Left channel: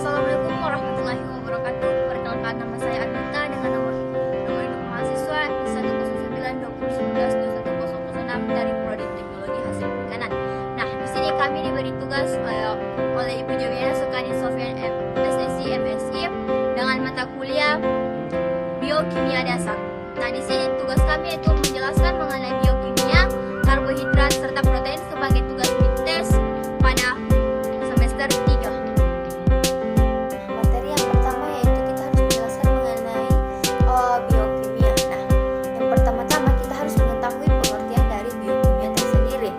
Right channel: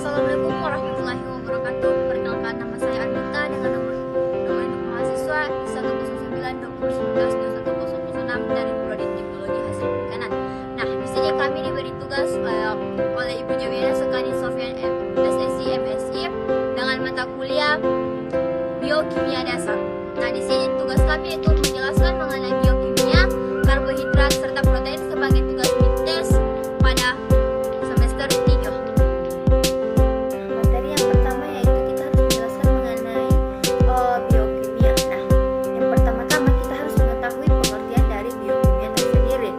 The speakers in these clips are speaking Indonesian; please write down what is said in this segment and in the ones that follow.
Assalamualaikum warahmatullahi wabarakatuh. Perkenalkan, nama saya Agnita dengan nomor induk mahasiswa 10920192106 dari Prodi Teknologi Hasil Perikanan. Nah, di sini kami diberi tugas oleh Ibu Jawiana Sukadi Sofian SSI MSI dengan mata kuliah Biokimia Dasar. Nah, di sini tugas kami itu menjelaskan mengenai biokimia, karbohidrat serta protein sebagai tugas midterm pada semester 3. Materi yang pertama yaitu kita harus menjelaskan mengenai biokimia. Nah, yang pertama-tama kita harus mengetahui pengertian dari biokimia tersendiri.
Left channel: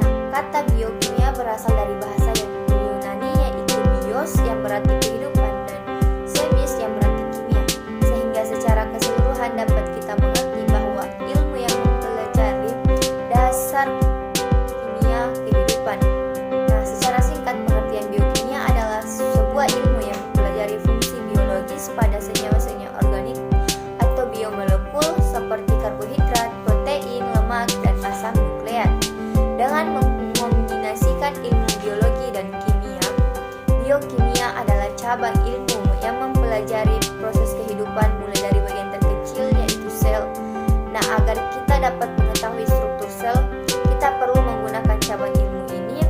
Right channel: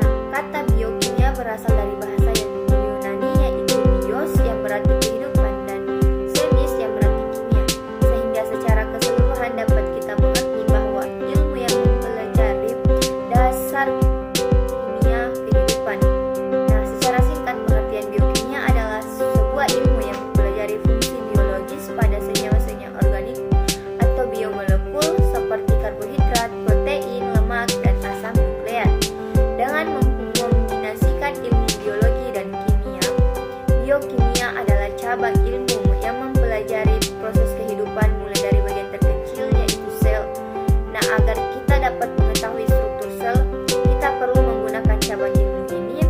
Nah, kata biokimia berasal dari bahasa Yunani yaitu bios yang berarti kehidupan dan chemis yang berarti kimia. Sehingga secara keseluruhan dapat kita mengerti bahwa ilmu yang mempelajari dasar kimia kehidupan. Nah, secara singkat pengertian biokimia adalah sebuah ilmu yang mempelajari fungsi biologis pada senyawa-senyawa organik atau biomolekul seperti karbohidrat, protein, lemak, dan asam nukleat. Dengan mengombinasikan ilmu biologi dan kimia, biokimia adalah cabang ilmu yang mempelajari proses kehidupan mulai dari bagian terkecil yaitu sel. Nah, agar kita dapat mengetahui struktur sel, kita perlu menggunakan cabang ilmu ini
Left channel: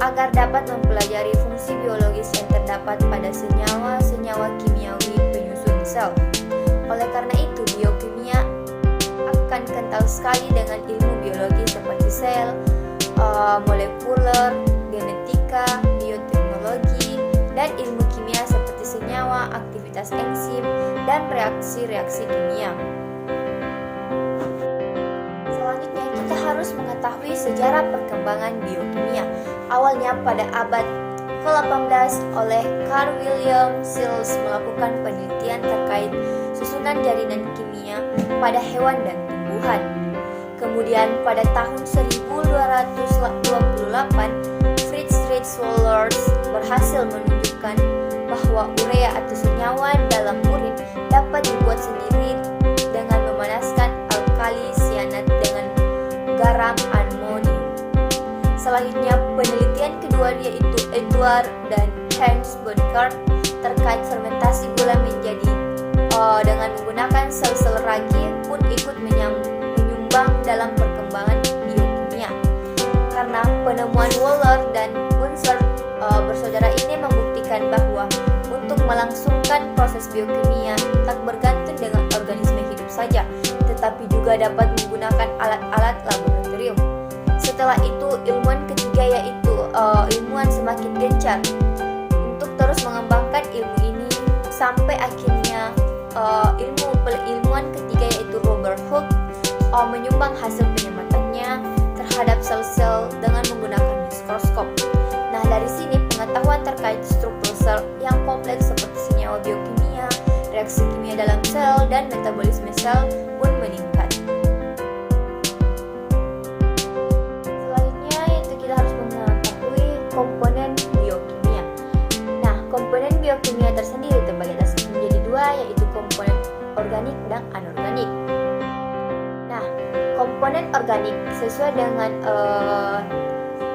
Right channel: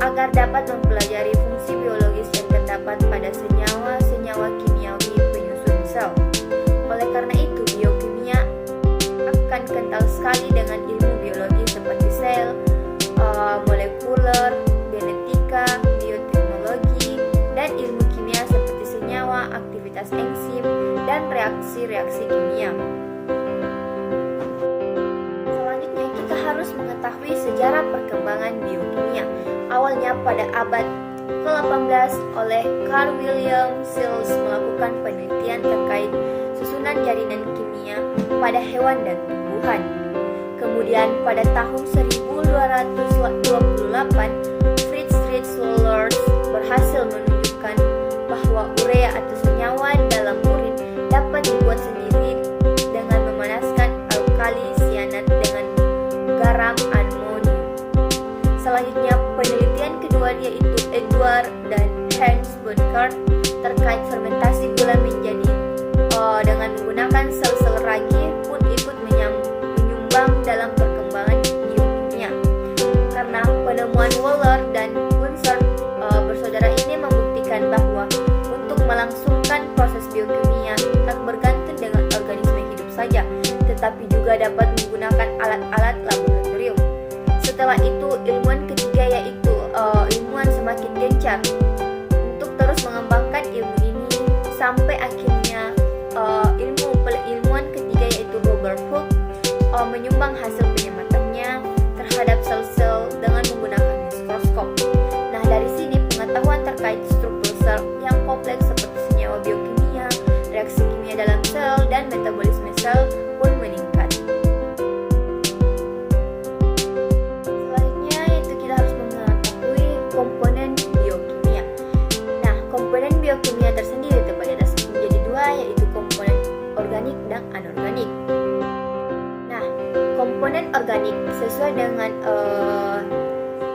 agar dapat mempelajari fungsi biologis yang terdapat pada senyawa-senyawa kimiawi penyusun sel. Oleh karena itu, biokimia akan kental sekali dengan ilmu biologi seperti sel, molekuler, genetika, bioteknologi, dan ilmu kimia seperti senyawa, aktivitas enzim, dan reaksi-reaksi kimia. Selanjutnya, kita harus mengetahui sejarah perkembangan biokimia. Awalnya pada abad ke-18 oleh Carl Wilhelm Schulze melakukan penelitian terkait susunan jaringan kimia pada hewan dan tumbuhan. Kemudian pada tahun 1228, Friedrich Wohlers berhasil menunjukkan bahwa urea atau senyawa dalam urin dapat dibuat sendiri dengan memanaskan alkali sianat dengan garam amonium. Selanjutnya, penelitian kedua yaitu Edward dan Hans Burkhardt terkait fermentasi gula menjadi dengan menggunakan sel-sel ragi pun ikut menyumbang dalam perkembangan biokimia. Karena penemuan Wohler dan Bunsen bersaudara ini membuktikan bahwa untuk melangsungkan proses biokimia tak bergantung dengan organisme hidup saja, tetapi juga dapat menggunakan alat-alat laboratorium. Setelah itu, ilmuwan ketiga yaitu ilmuwan semakin gencar untuk terus mengembangkan ilmu ini sampai akhirnya ilmuwan ketiga yaitu Robert Hooke menyumbang hasil penyamatannya terhadap sel-sel dengan menggunakan mikroskop. Nah, dari sini pengetahuan terkait struktur sel yang kompleks seperti senyawa biokimia, reaksi kimia dalam sel, dan metabolisme sel pun meningkat. Selanjutnya yaitu kita harus mengetahui komponen biokimia. Nah, komponen biokimia tersendiri terbagi atas menjadi dua, yaitu komponen organik dan anorganik. Nah, komponen organik sesuai dengan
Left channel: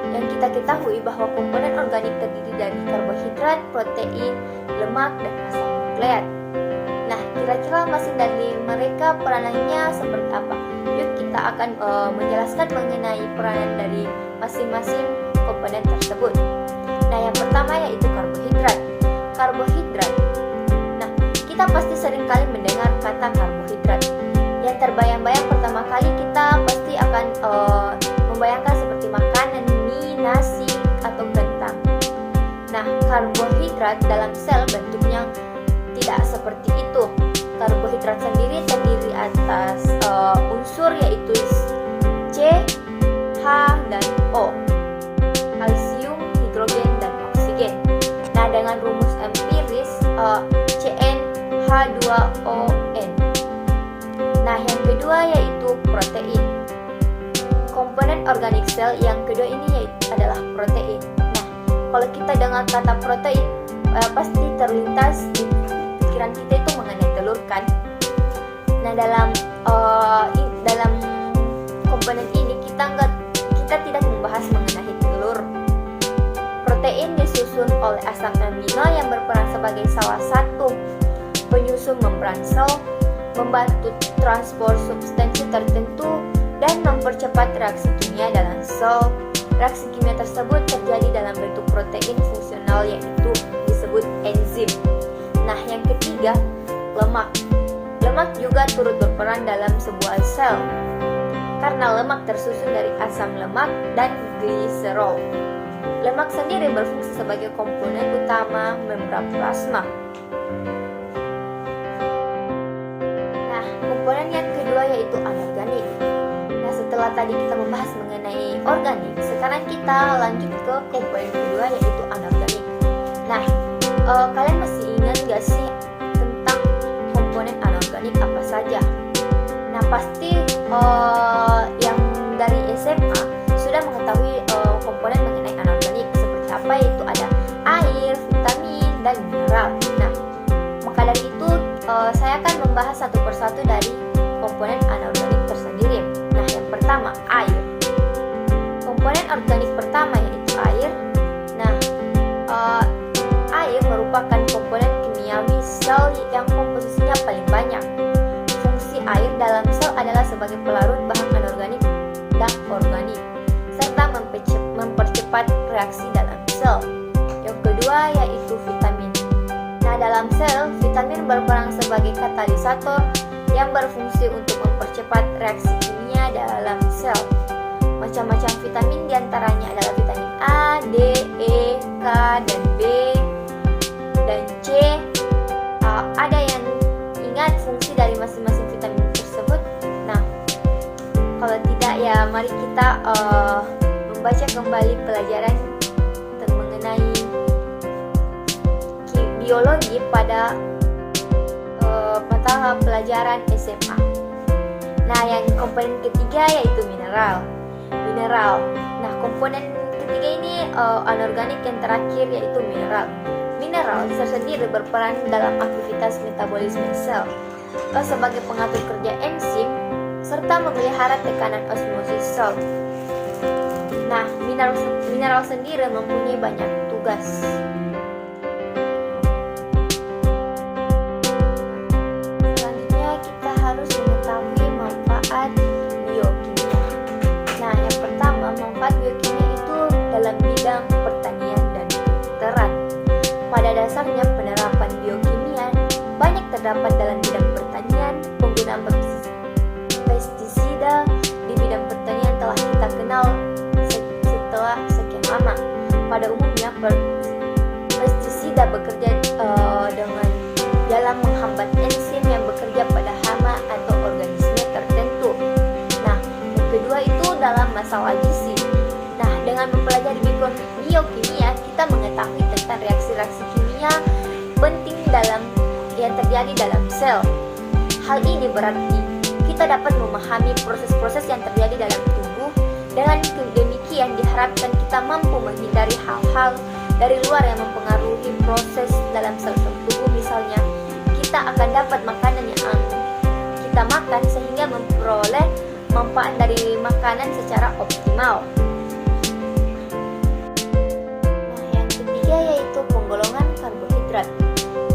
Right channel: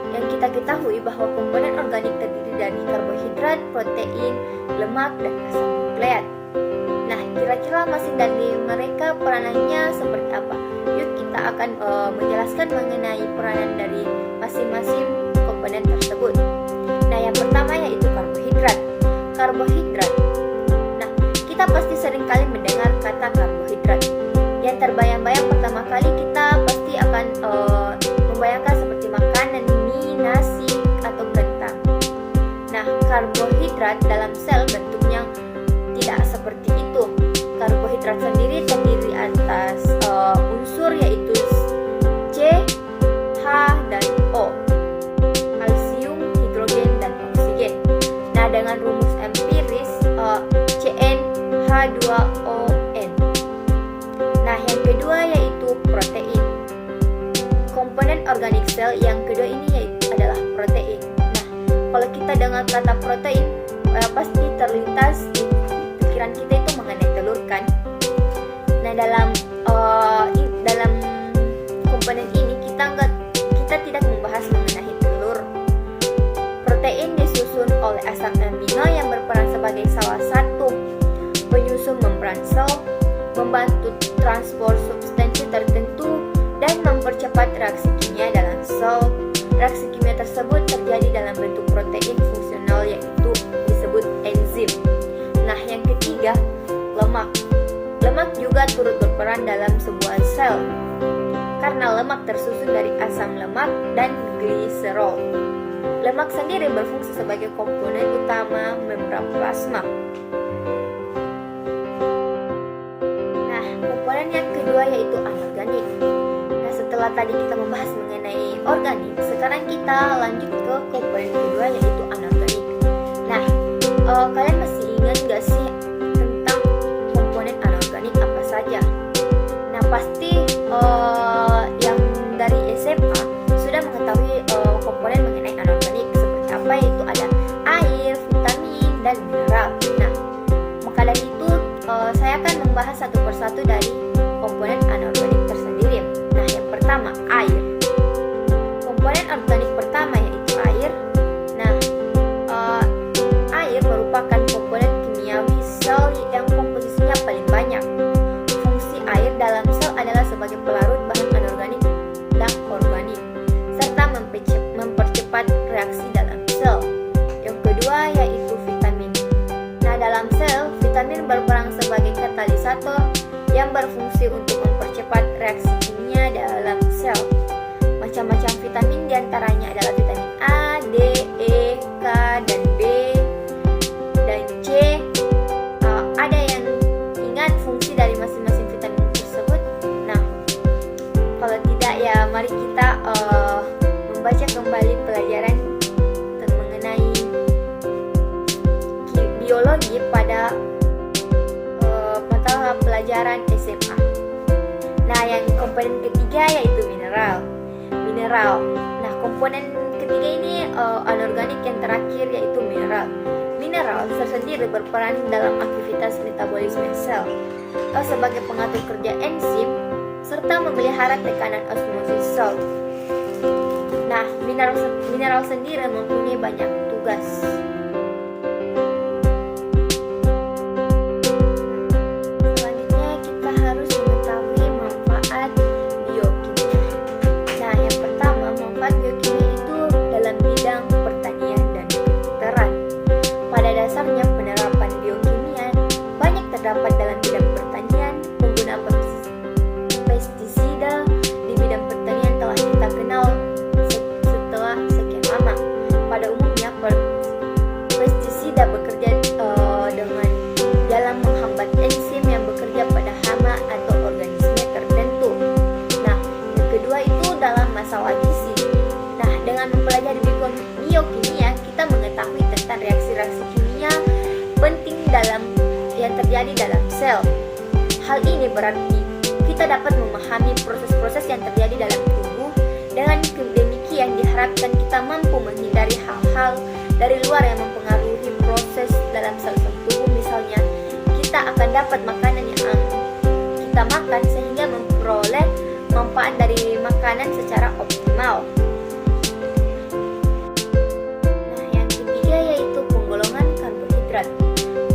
yang kita ketahui bahwa komponen organik terdiri dari karbohidrat, protein, lemak, dan asam nukleat. Nah, kira-kira masing dari mereka peranannya seperti apa? Yuk kita akan menjelaskan mengenai peranan dari masing-masing komponen tersebut. Nah, yang pertama yaitu karbohidrat. Karbohidrat. Nah, kita pasti sering kali mendengar kata karbohidrat. Yang terbayang-bayang pertama kali kita pasti akan membayangkan seperti makanan, mie, nasi, atau kentang. Nah, karbohidrat dalam sel bentuknya tidak seperti itu. Karbohidrat sendiri terdiri atas unsur yaitu C, H, dan O, kalsium, hidrogen, dan oksigen. Nah, dengan rumus empiris CnH2ON. Nah, yang kedua yaitu protein. Komponen organik sel yang kedua ini adalah protein. Nah, kalau kita dengar kata protein, pasti terlintas di pikiran kita itu mengenai telur kan. Nah, dalam komponen ini kita tidak membahas mengenai telur. Protein disusun oleh asam amino yang berperan sebagai salah satu penyusun membran sel, membantu transport substansi tertentu, dan mempercepat reaksi kimia dalam sel. Reaksi kimia tersebut terjadi dalam bentuk protein fungsional yaitu disebut enzim. Nah, yang ketiga, lemak. Lemak juga turut berperan dalam sebuah sel karena lemak tersusun dari asam lemak dan gliserol. Lemak sendiri berfungsi sebagai komponen utama membran plasma. Nah, komponen yang kedua yaitu anorganik. Nah, setelah tadi kita membahas mengenai organik, sekarang kita lanjut ke komponen kedua yaitu anorganik. Nah, kalian masih ingat gak sih tentang komponen anorganik apa saja? Nah, pasti yang dari SMA sudah mengetahui komponen mengenai anorganik seperti apa, yaitu ada air, vitamin, dan mineral. Nah, maka dari itu saya akan membahas satu persatu dari komponen anorganik tersendiri. Nah, yang pertama, air. Komponen organik pertama yaitu air. Nah, air merupakan komponen kimiawi sel yang komposisinya paling banyak. Fungsi air dalam sel adalah sebagai pelarut bahan anorganik dan organik, serta mempercepat reaksi dalam sel. Yang kedua yaitu vitamin. Nah, dalam sel, vitamin berperan sebagai katalisator yang berfungsi untuk mempercepat reaksi kimia dalam sel. Macam-macam vitamin diantaranya adalah vitamin A, D, E, K, dan B, dan C. Ada yang ingat fungsi dari masing-masing vitamin tersebut? Nah, kalau tidak ya mari kita membaca kembali pelajaran mengenai biologi pada mata pelajaran SMA. Nah, yang komponen ketiga yaitu mineral. Nah, komponen ketiga ini anorganik yang terakhir yaitu mineral. Mineral tersendiri berperan dalam aktivitas metabolisme sel sebagai pengatur kerja enzim serta memelihara tekanan osmosis sel. Nah, mineral sendiri mempunyai banyak tugas. Selanjutnya kita harus mengetahui manfaat biokimia. Nah, yang pertama, manfaat biokimia itu dalam bidang pertanian dan kedokteran. Pada dasarnya, penerapan biokimia banyak terdapat dalam bidang pertanian. Penggunaan pestisida di bidang pertanian telah kita kenal setelah sekian lama. Pada umumnya, pestisida bekerja dengan dalam menghambat enzim yang bekerja pada hama atau organisme tertentu. Nah, yang kedua itu dalam masalah gizi. Nah, dengan mempelajari biokimia, kita mengetahui tentang reaksi-reaksi kimia penting yang terjadi dalam sel. Hal ini berarti kita dapat memahami proses-proses yang terjadi dalam tubuh. Dengan demikian diharapkan kita mampu menghindari hal-hal dari luar yang mempengaruhi proses dalam sel-sel tubuh. Misalnya, kita akan dapat makanan yang kita makan sehingga memperoleh manfaat dari makanan secara optimal. Yaitu penggolongan karbohidrat.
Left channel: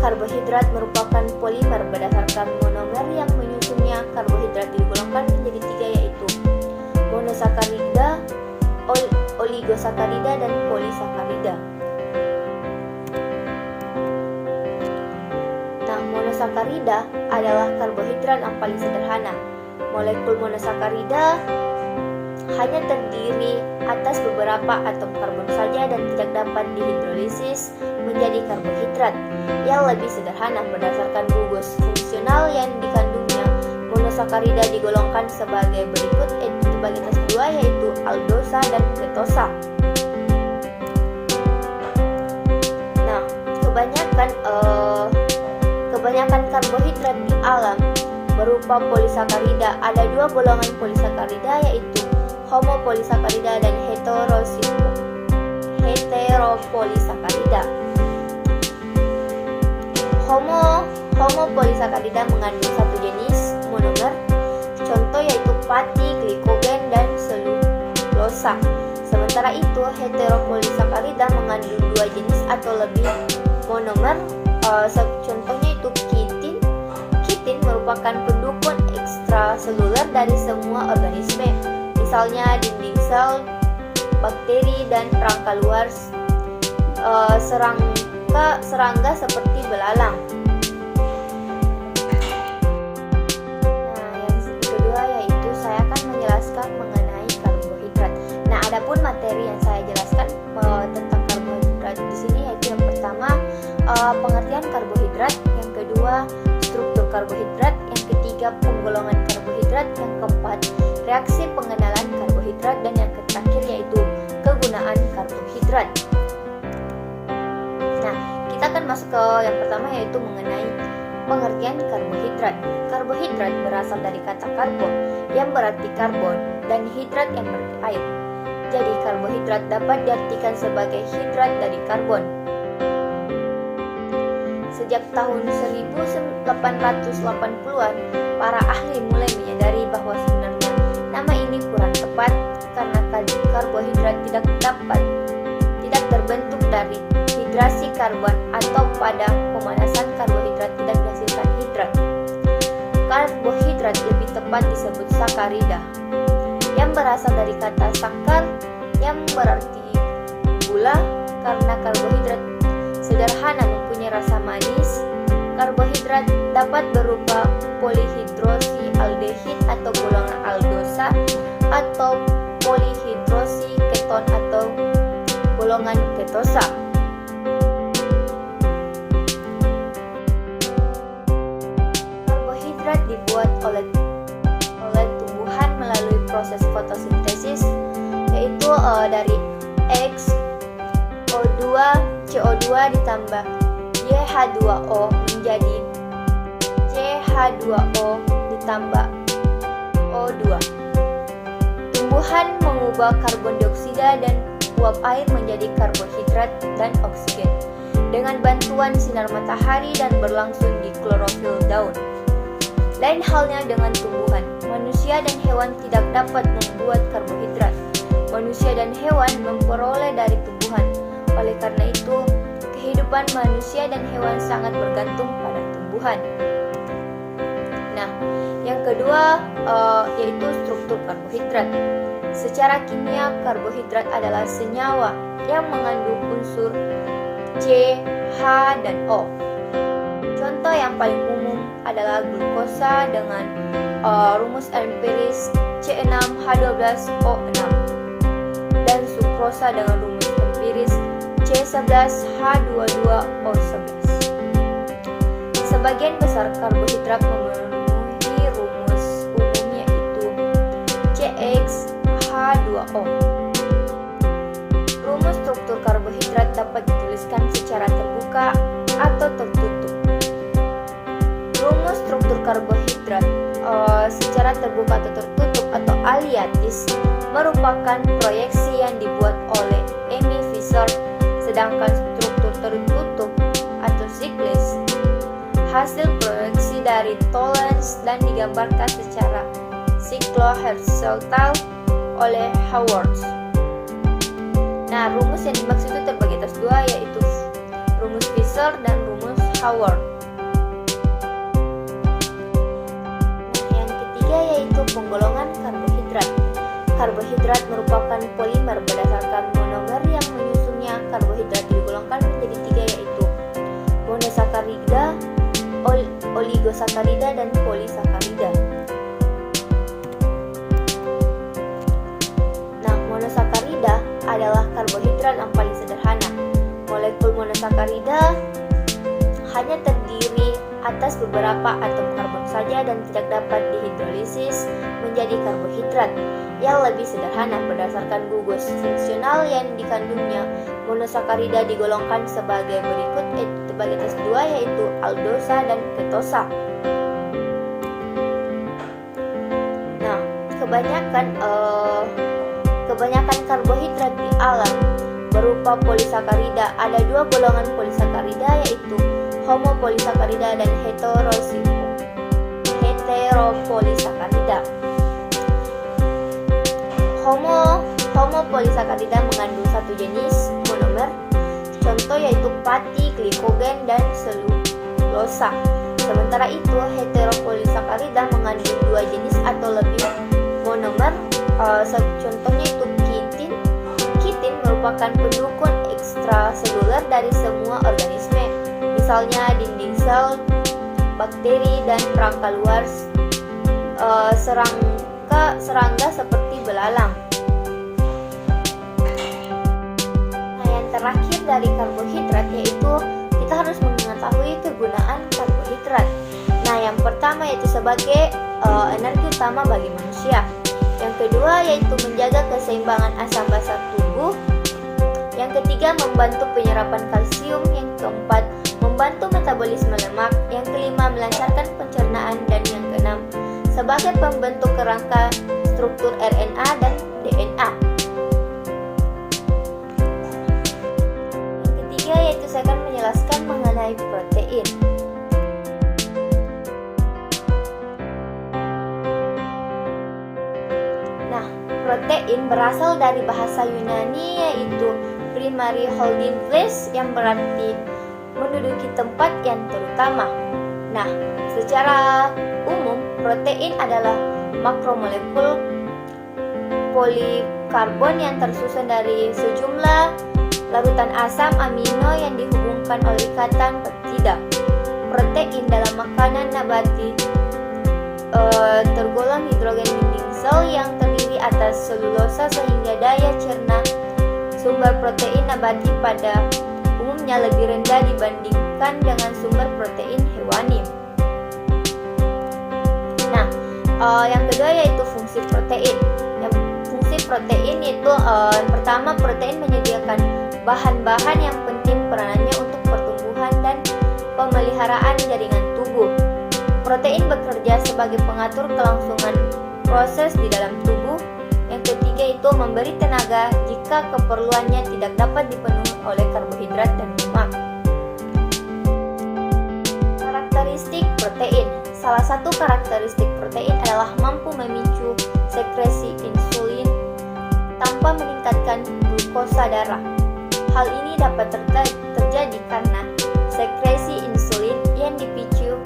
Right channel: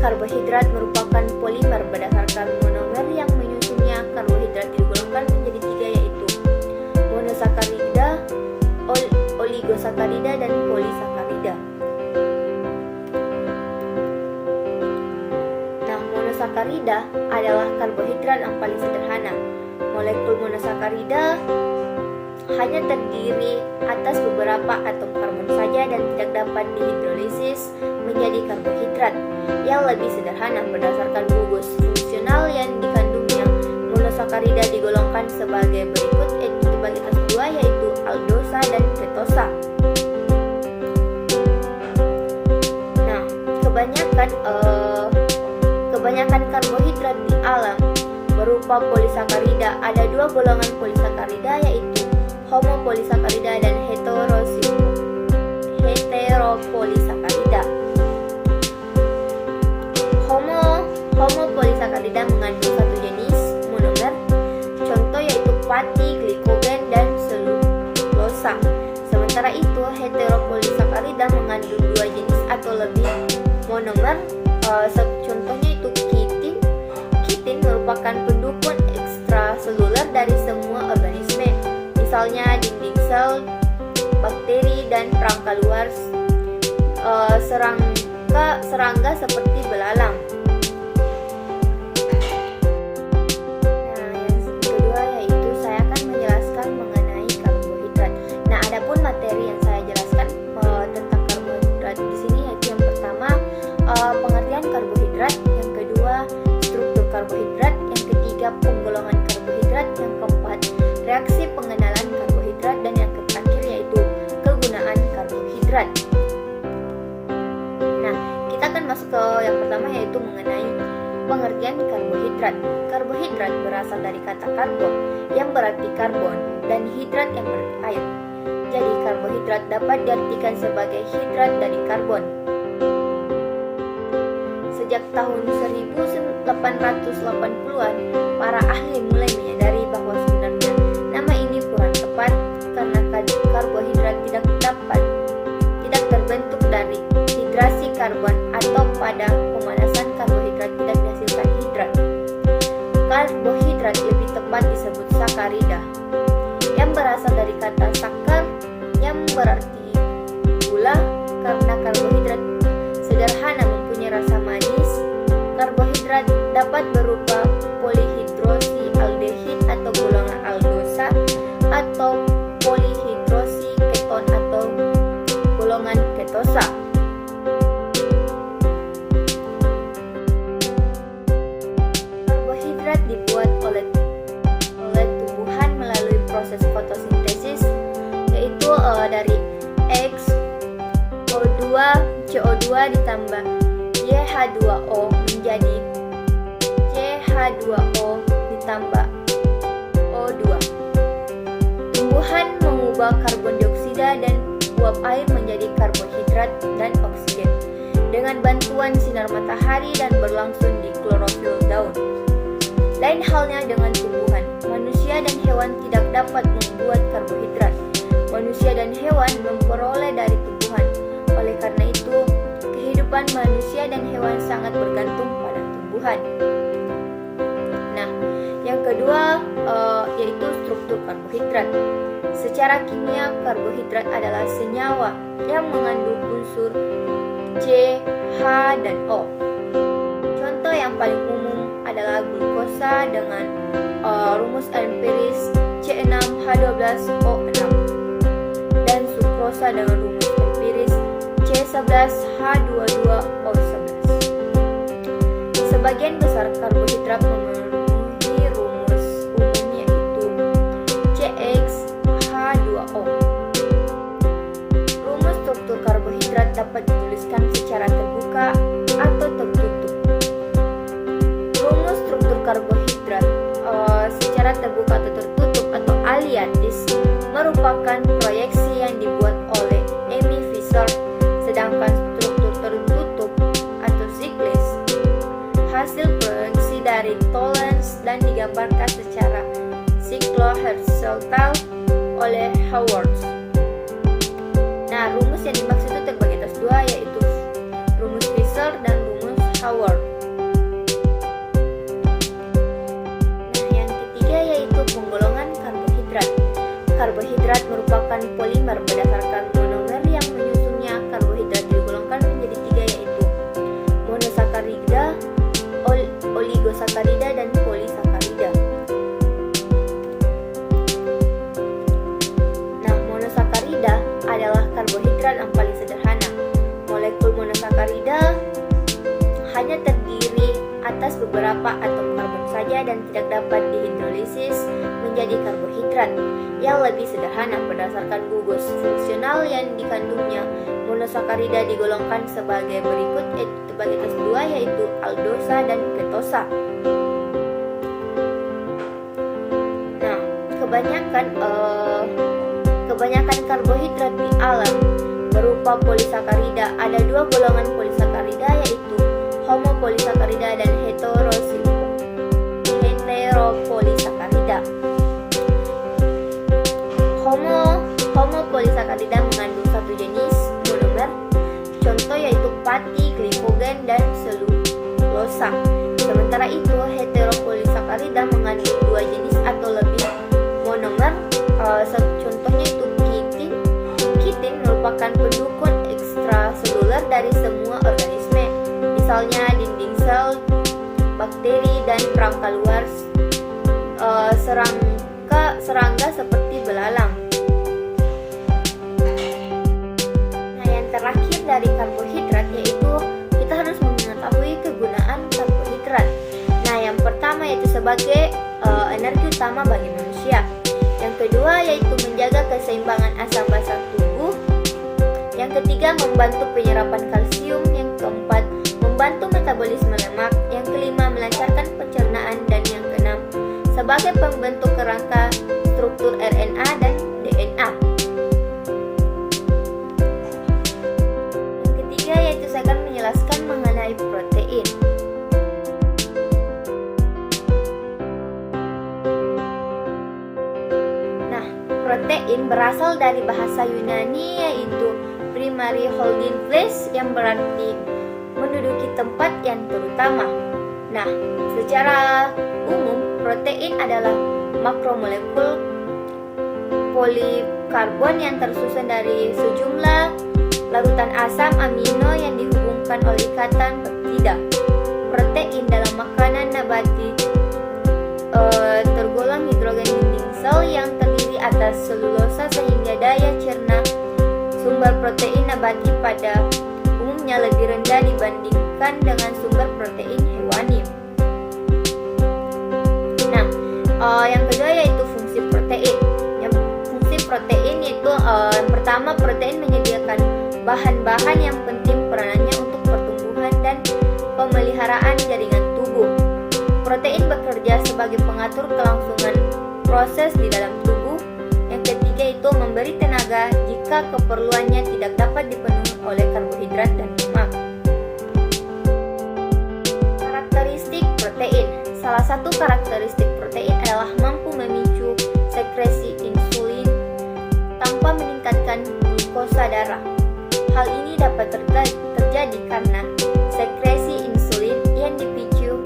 Karbohidrat merupakan polimer berdasarkan monomer yang menyusunnya. Karbohidrat digolongkan menjadi tiga yaitu monosakarida, oligosakarida, dan polisakarida. Nah, monosakarida adalah karbohidrat yang paling sederhana. Molekul monosakarida hanya terdiri atas beberapa atom karbon saja dan tidak dapat dihidrolisis menjadi karbohidrat yang lebih sederhana. Berdasarkan gugus fungsional yang dikandungnya, monosakarida digolongkan sebagai berikut, sebagai atas dua yaitu aldosa dan ketosa. Nah, kebanyakan karbohidrat di alam berupa polisakarida. Ada dua golongan polisakarida yaitu homopolisakarida dan heteropolisakarida. Homopolisakarida mengandung satu jenis monomer, contoh yaitu pati, glikogen, dan selulosa. Sementara itu, heteropolisakarida mengandung dua jenis atau lebih monomer. Contohnya itu kitin. Kitin merupakan pendukung ekstraseluler dari semua organisme, misalnya dinding sel, bakteri, dan perangkat luar serangga seperti belalang. Nah, yang kedua yaitu saya akan menjelaskan mengenai karbohidrat. Nah, adapun materi yang saya jelaskan tentang karbohidrat di sini yaitu yang pertama pengertian karbohidrat, yang kedua struktur karbohidrat, yang ketiga penggolongan karbohidrat, yang keempat reaksi pengenalan karbohidrat, dan yang terakhir yaitu kegunaan karbohidrat. Nah, kita akan masuk ke yang pertama yaitu mengenai pengertian karbohidrat. Karbohidrat berasal dari kata karbon yang berarti karbon dan hidrat yang berarti air. Jadi karbohidrat dapat diartikan sebagai hidrat dari karbon. Sejak tahun 1880-an, para ahli mulai menyadari bahwa sebenarnya nama ini kurang tepat karena karbohidrat tidak terbentuk dari hidrasi karbon atau pada pemanasan karbohidrat tidak dihasilkan hidrat. Karbohidrat lebih tepat disebut sakarida yang berasal dari kata sakar yang berarti gula. Karena karbohidrat sederhana mempunyai rasa manis, karbohidrat dapat berupa polihidrosi aldehid atau golongan aldosa, atau polihidrosi keton atau golongan ketosa. Karbohidrat dibuat oleh tumbuhan melalui proses fotosintesis, yaitu dari X, O2, CO2 ditambah YH2O menjadi CH2O ditambah O2. Tumbuhan mengubah karbon dioksida dan uap air menjadi karbohidrat dan oksigen dengan bantuan sinar matahari dan berlangsung di klorofil daun. Lain halnya dengan tumbuhan, manusia dan hewan tidak dapat membuat karbohidrat. Manusia dan hewan memperoleh dari tumbuhan. Oleh karena itu, kehidupan manusia dan hewan sangat bergantung pada tumbuhan. Nah, yang kedua yaitu struktur karbohidrat. Secara kimia, karbohidrat adalah senyawa yang mengandung unsur C, H, dan O. Contoh yang paling umum adalah glukosa dengan rumus empiris C6H12O6 dan sukrosa dengan rumus empiris C11H22O11. Sebagian besar karbohidrat memenuhi rumus umum yaitu CXH2O. Rumus struktur karbohidrat dapat dituliskan secara terbuka atau tertutup. Rumus struktur karbohidrat secara terbuka atau tertutup atau aliatis merupakan proyeksi yang dibuat oleh Amy Fisher, sedangkan struktur tertutup atau siklis hasil proyeksi dari Tollens dan digambarkan secara siklohorizontal oleh Howard. Nah, rumus yang dimaksud itu terbagi atas dua, yaitu rumus Fisher dan rumus Howard. Nah, yang ketiga yaitu penggolongan karbohidrat. Karbohidrat merupakan polimer berdasarkan monomer yang menyusunnya. Karbohidrat digolongkan menjadi tiga, yaitu monosakarida, oligosakarida, dan polisakarida. Nah, monosakarida adalah karbohidrat yang paling sederhana. Molekul monosakarida hanya terdiri atas beberapa atom karbon saja dan tidak dapat dihidrolisis menjadi karbohidrat yang lebih sederhana berdasarkan gugus fungsional yang dikandungnya. Monosakarida digolongkan sebagai berikut, terbagi atas dua, yaitu aldosa dan ketosa. Nah, kebanyakan karbohidrat di alam berupa polisakarida. Ada dua golongan polisakarida, yaitu homopolisakarida dan heteropolisakarida. homopolisakarida mengandung satu jenis monomer, contoh yaitu pati, glikogen, dan selulosa. Sementara itu, heteropolisakarida mengandung dua jenis atau lebih monomer, contohnya itu kitin. Kitin merupakan pendukung ekstraseluler dari semua organisme, misalnya dinding sel, bakteri, dan rangka luar serangga seperti belalang. Nah, yang terakhir dari karbohidrat yaitu kita harus mengetahui kegunaan karbohidrat. Nah, yang pertama yaitu sebagai energi utama bagi manusia. Yang kedua yaitu menjaga keseimbangan asam basa tubuh. Yang ketiga membantu penyerapan kalsium. Yang keempat membantu metabolisme lemak. Yang kelima melancarkan pencernaan. Dan yang keenam sebagai pembentuk kerangka struktur RNA dan DNA. Yang ketiga yaitu saya akan menjelaskan mengenai protein. Nah, protein berasal dari bahasa Yunani yaitu primary holding place yang berarti menduduki tempat yang terutama. Nah, secara umum protein adalah makromolekul polikarbon yang tersusun dari sejumlah larutan asam amino yang dihubungkan oleh ikatan peptida. Protein dalam makanan nabati tergolong hidrogen dinding sel yang terdiri atas selulosa sehingga daya cerna sumber protein nabati pada umumnya lebih rendah dibandingkan dengan sumber protein hewani. Nah, yang kedua yaitu fungsi protein. Yang fungsi protein yaitu yang pertama, protein menyediakan bahan-bahan yang penting peranannya untuk pertumbuhan dan pemeliharaan jaringan tubuh. Protein bekerja sebagai pengatur kelangsungan proses di dalam tubuh. Yang ketiga itu memberi tenaga jika keperluannya tidak dapat dipenuhi oleh karbohidrat dan lemak. Karakteristik protein. Salah satu karakteristik protein adalah mampu memicu sekresi insulin tanpa meningkatkan glukosa darah. Hal ini dapat terjadi karena sekresi insulin yang dipicu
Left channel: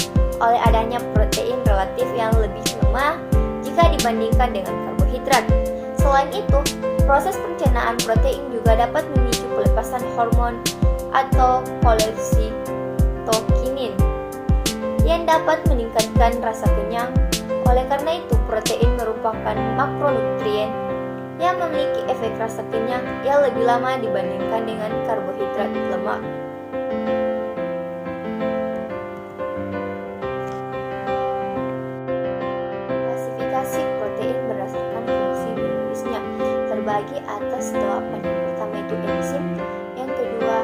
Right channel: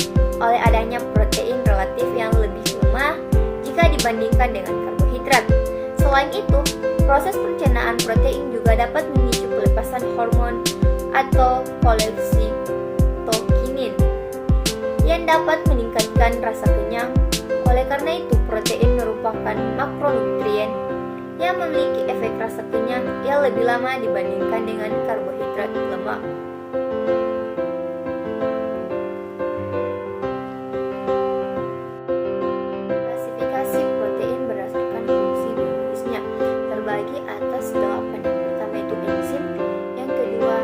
oleh adanya protein relatif yang lebih lemah jika dibandingkan dengan karbohidrat. Selain itu, proses pencernaan protein juga dapat memicu pelepasan hormon atau kolesitokinin yang dapat meningkatkan rasa kenyang. Oleh karena itu, protein merupakan makronutrien yang memiliki efek rasa kenyang yang lebih lama dibandingkan dengan karbohidrat lemak. Klasifikasi protein berdasarkan fungsi biologisnya terbagi atas 8. Yang pertama itu enzim, yang kedua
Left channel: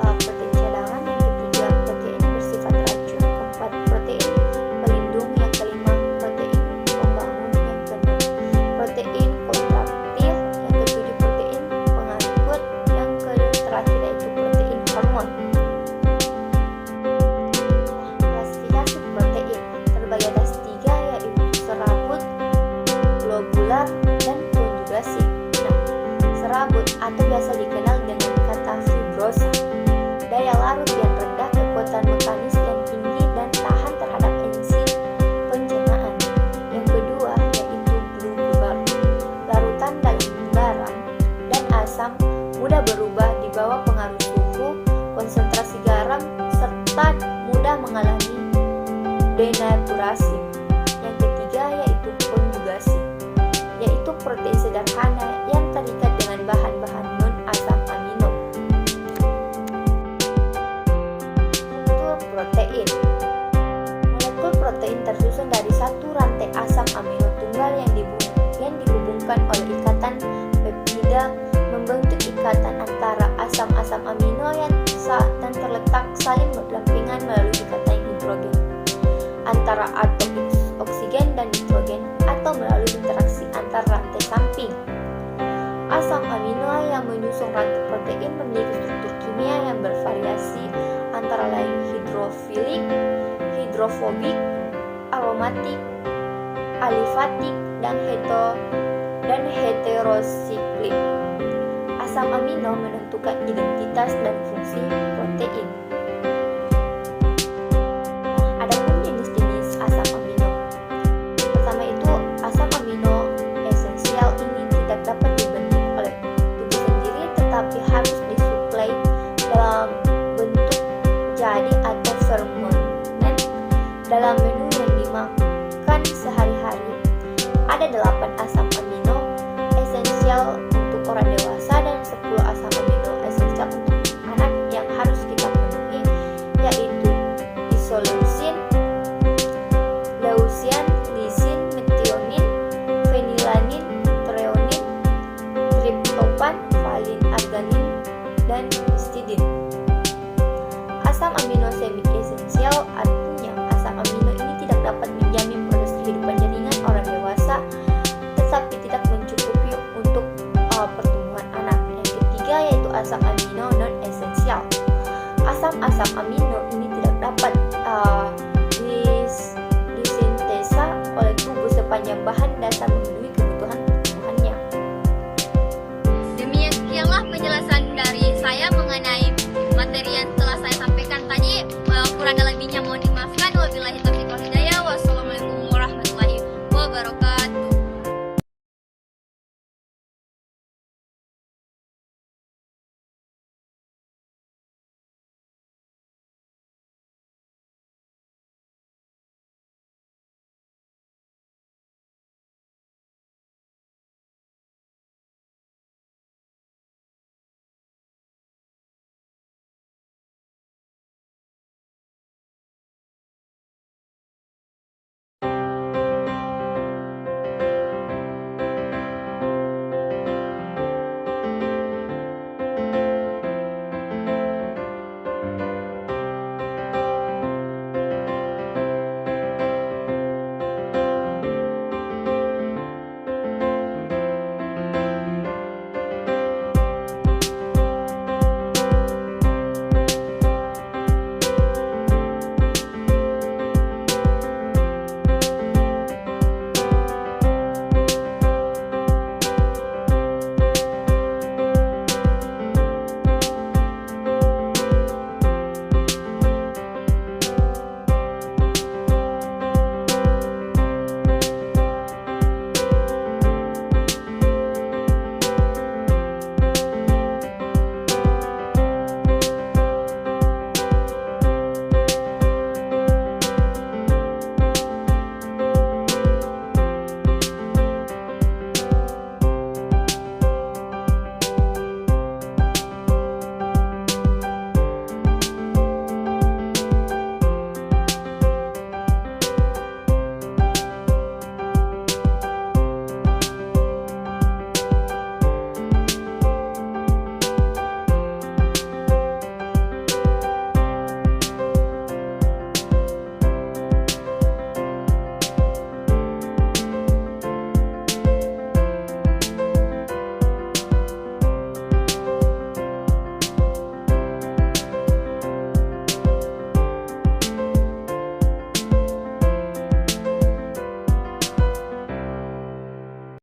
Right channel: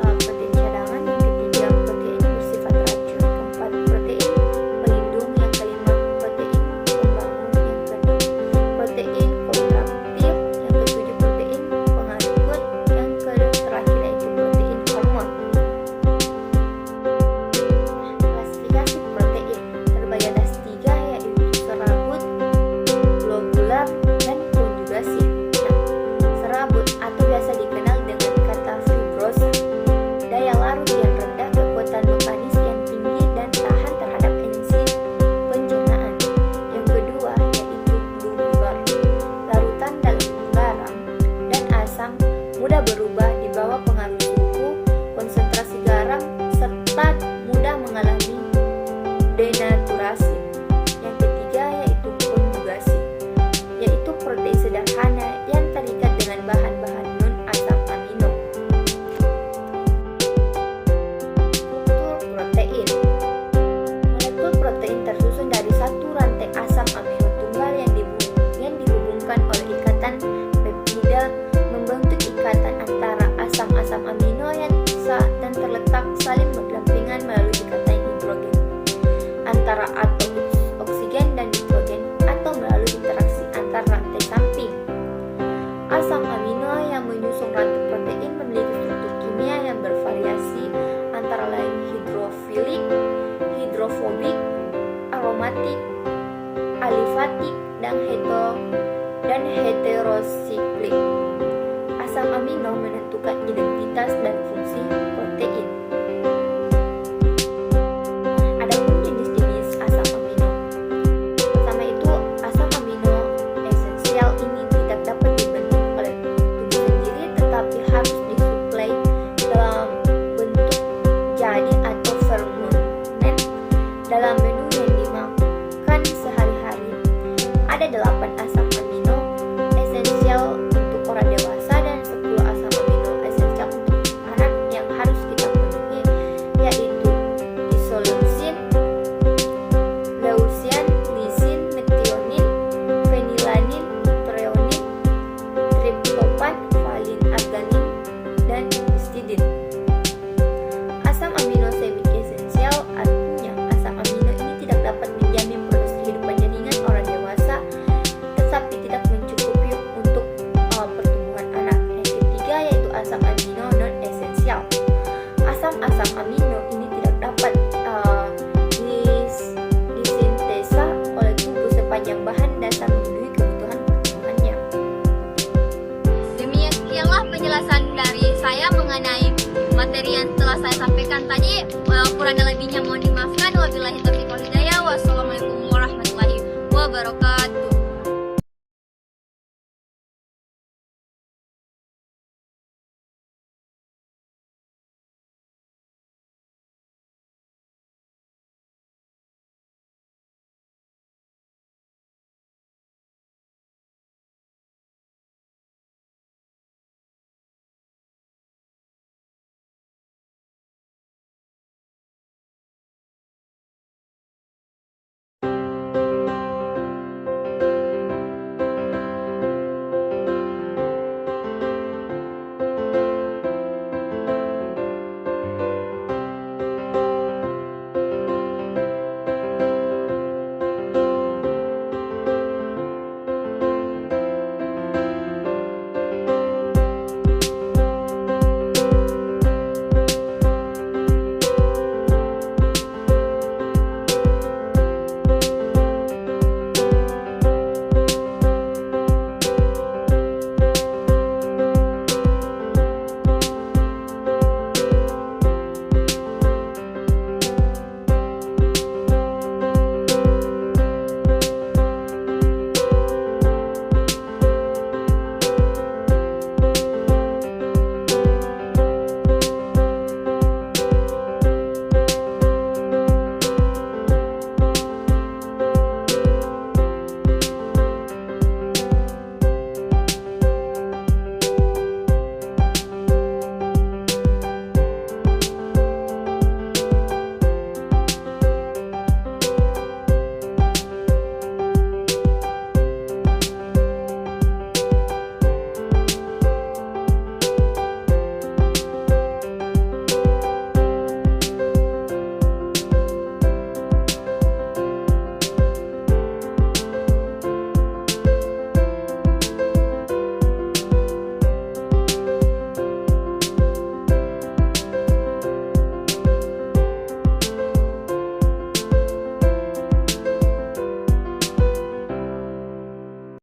protein cadangan, yang ketiga protein bersifat racun, keempat protein pelindung, yang kelima protein pembangun, yang keenam protein kontraktil, yang ketujuh protein pengangkut, yang terakhir yaitu protein hormon. Klasifikasi protein terbagi atas 3 yaitu serabut, globular, dan konjugasi. Nah, serabut atau biasa dikenal dengan kata fibrosa, daya larut yang rendah, kekuatan mekanis yang tinggi, dan tahan terhadap enzim pencernaan. Yang kedua yaitu globular, larutan dalam garam dan asam, mudah berubah di bawah pengaruh suhu, konsentrasi garam, serta mudah mengalami denaturasi. Yang ketiga yaitu konjugasi, yaitu protein sederhana yang terikat dengan bahan-bahan non-asam amino. Struktur protein. Molekul protein tersusun dari satu rantai asam amino tunggal yang dihubungkan oleh ikatan peptida, membentuk ikatan antara asam-asam amino yang dan terletak saling berdampingan melalui ikatan hidrogen antara atom oksigen dan nitrogen atau melalui interaksi antar rantai samping. Asam amino yang menyusun rantai protein memiliki struktur kimia yang bervariasi antara lain hidrofilik, hidrofobik, aromatik, alifatik, dan dan heterosiklik. Asam amino menentukan identitas dan fungsi protein. Adapun jenis-jenis asam amino. Pertama itu asam amino esensial ini tidak dapat dibentuk oleh tubuh sendiri tetapi harus disuplai dalam bentuk jadi atau fermen dalam menu yang dimakan sehari-hari. Ada 8 asam amino esensial untuk orang dewasa dan 10 asam amino esensial untuk anak yang harus kita penuhi, yaitu isoleucin, leucin, lisin, metionin, fenilanin, treonin, triptofan, valin, arganin, dan histidin. Asam amino semi esensial artinya asam amino ini tidak dapat menjamin proses kehidupan jaringan orang dewasa, tetapi tidak mencukupi untuk pertumbuhan anak. Yang ketiga yaitu asam amino non esensial. Asam-asam amino ini tidak dapat disintesa oleh tubuh sepanjang bahan dasar memenuhi kebutuhan pertumbuhannya. Demikianlah penjelasan dari saya mengenai materi yang telah saya sampaikan tadi. Kurang dan lebihnya mohon dimaafkan. Wabillahi taufiq wal hidayah. Wassalamualaikum warahmatullahi wabarakatuh.